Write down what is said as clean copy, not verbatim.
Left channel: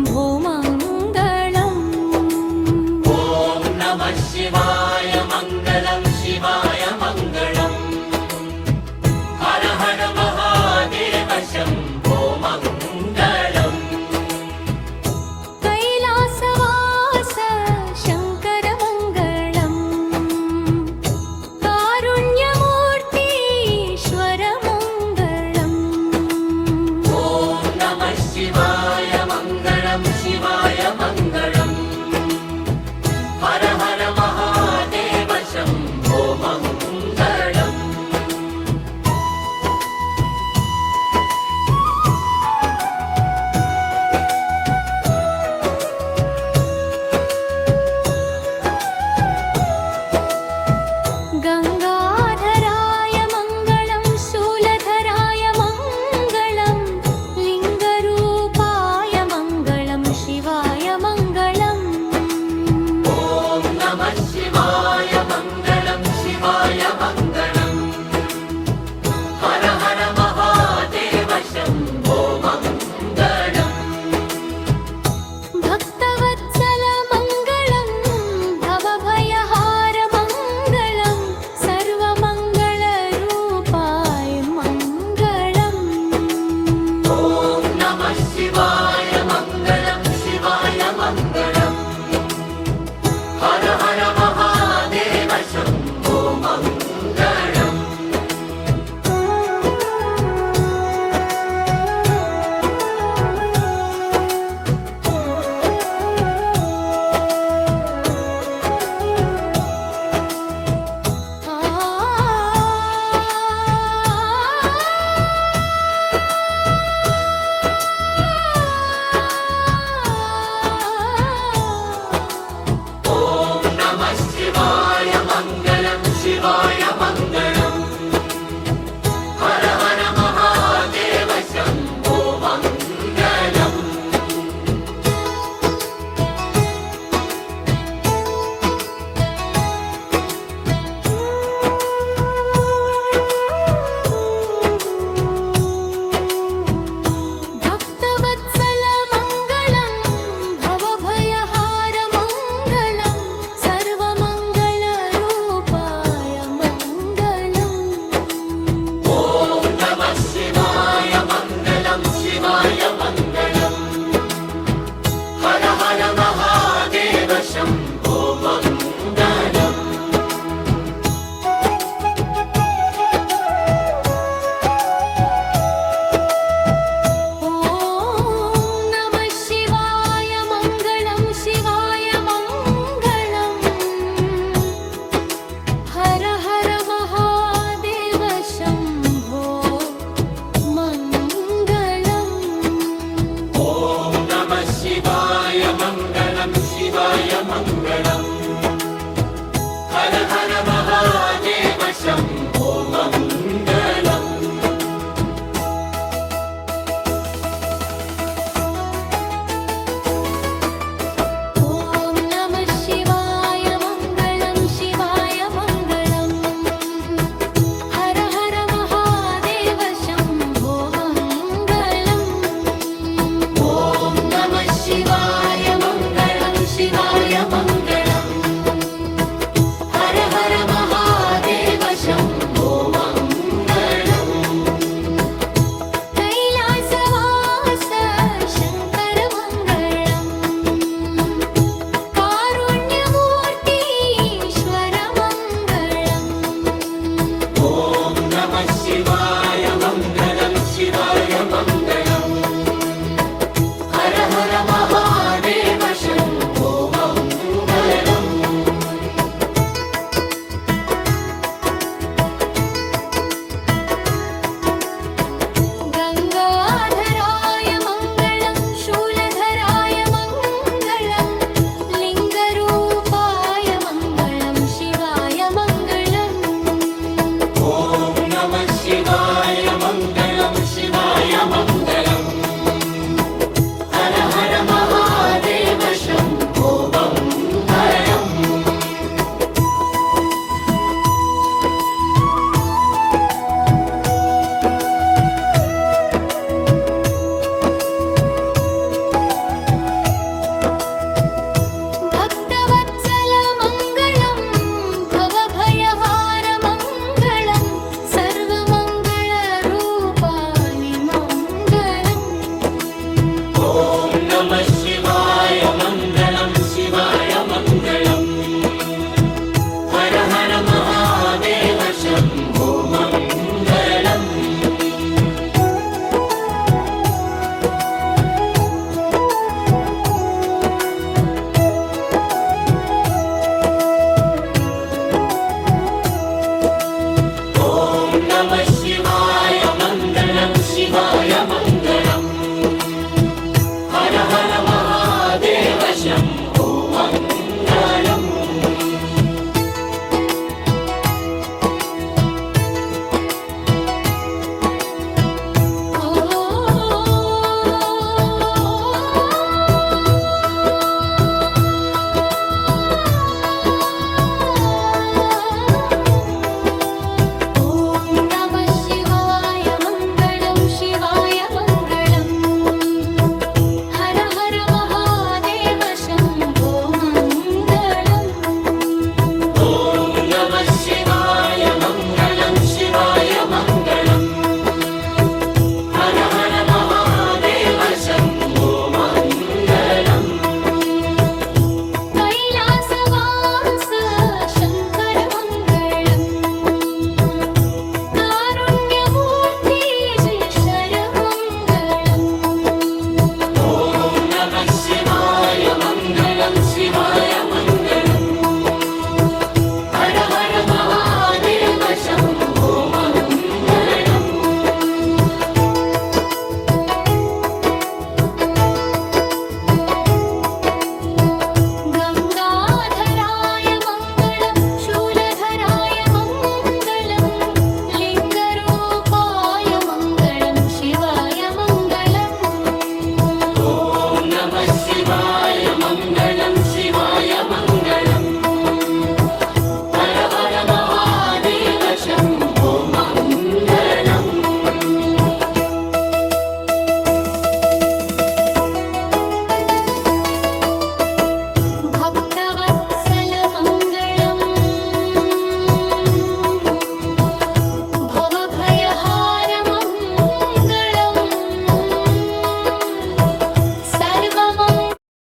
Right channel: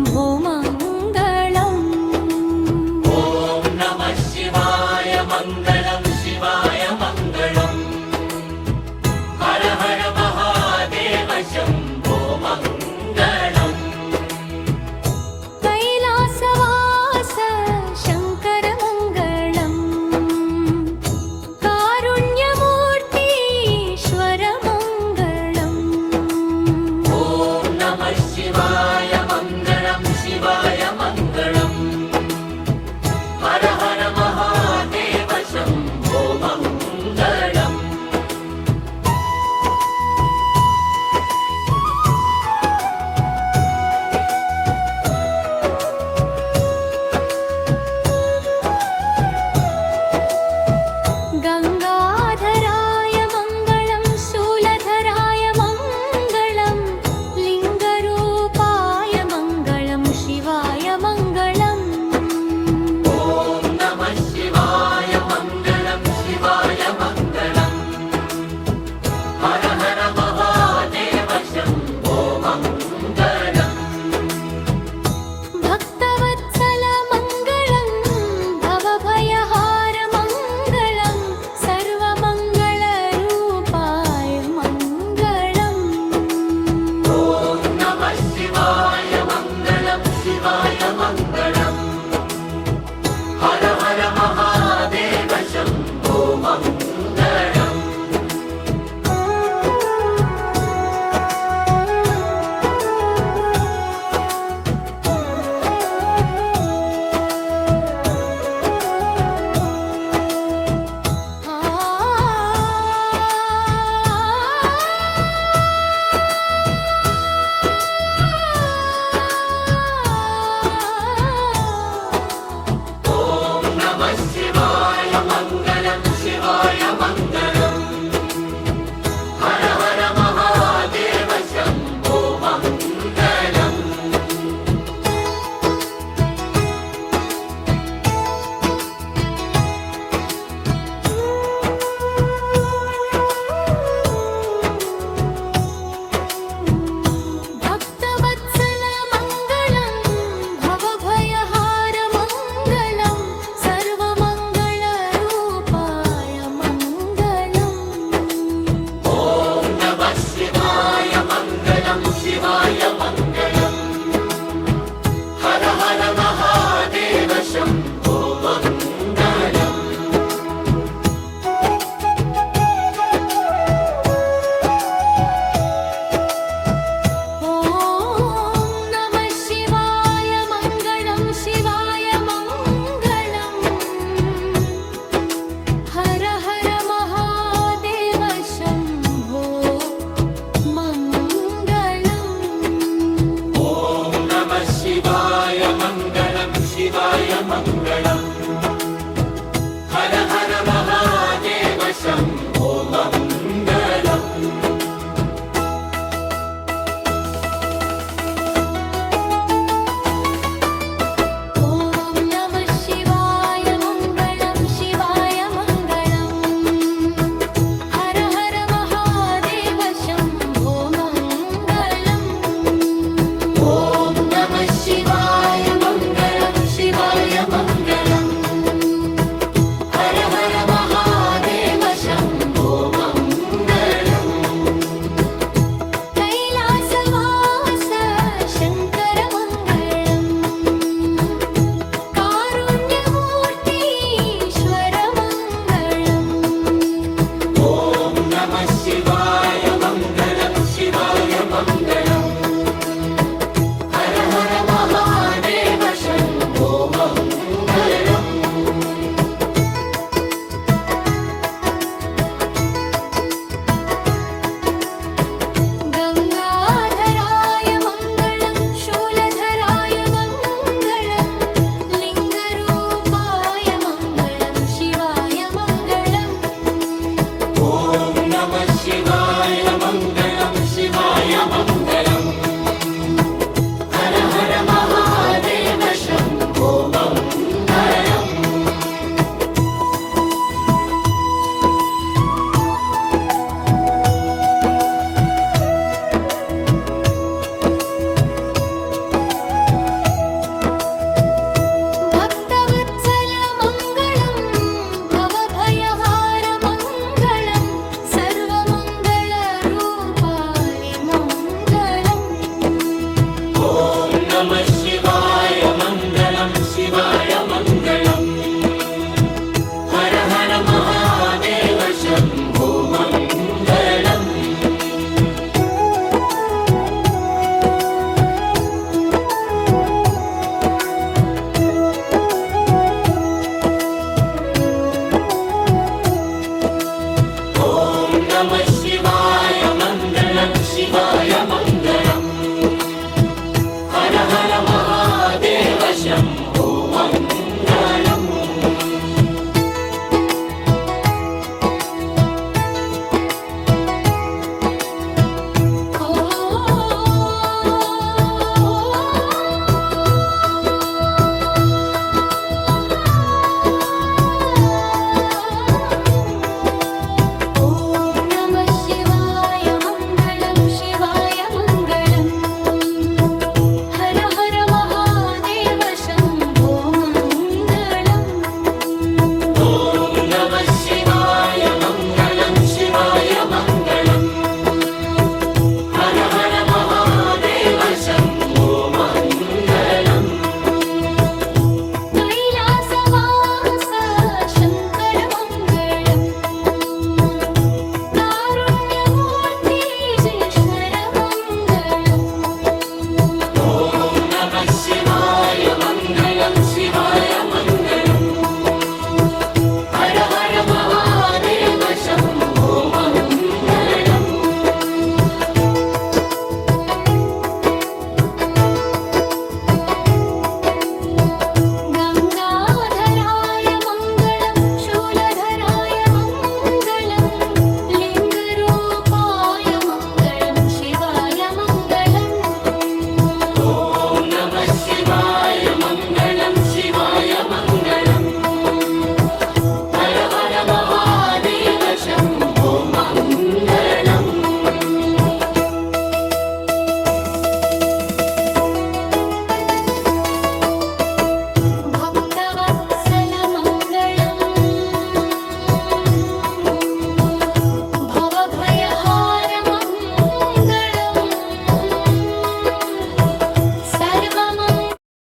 शम्भो मङ्गलम्। ॐ नमः शिवाय मङ्गलं शिवाय मङ्गलम्। हर हर महादेव शम्भो मङ्गलम्। कैलासवास शङ्कर मङ्गलम्। कारुण्यमूर्तीश्वर मङ्गलम्। ॐ नमः शिवाय मङ्गलं शिवाय मङ्गलम्। हर हर महादेव शम्भो मङ्गलम्। गङ्गाधराय मङ्गलं शूलधराय मङ्गलं लिङ्गरूपाय मङ्गलं शिवाय हर महादेव शम्भो मङ्गलम् ॐ नमः शिवाय मङ्गलं शिवाय मङ्गलम् हर हर महादेव शम्भो मङ्गलम् कैलासवास शङ्कर मङ्गलम् कारुण्यमूर्ति शरमङ्गलम् ॐ नमः शिवाय मङ्गलं शिवाय मङ्गलम् हर हर महादेव शम्भो मङ्गलम् गङ्गाधराय मङ्गलं शूलधराय मङ्गलं लिङ्गरूपाय मङ्गलं शिवाय मङ्गलम् ॐ नमः शिवाय मङ्गलं शिवाय मङ्गलम् हर हर महादेव शम्भो मङ्गलम् भक्तवत्सल मङ्गलम्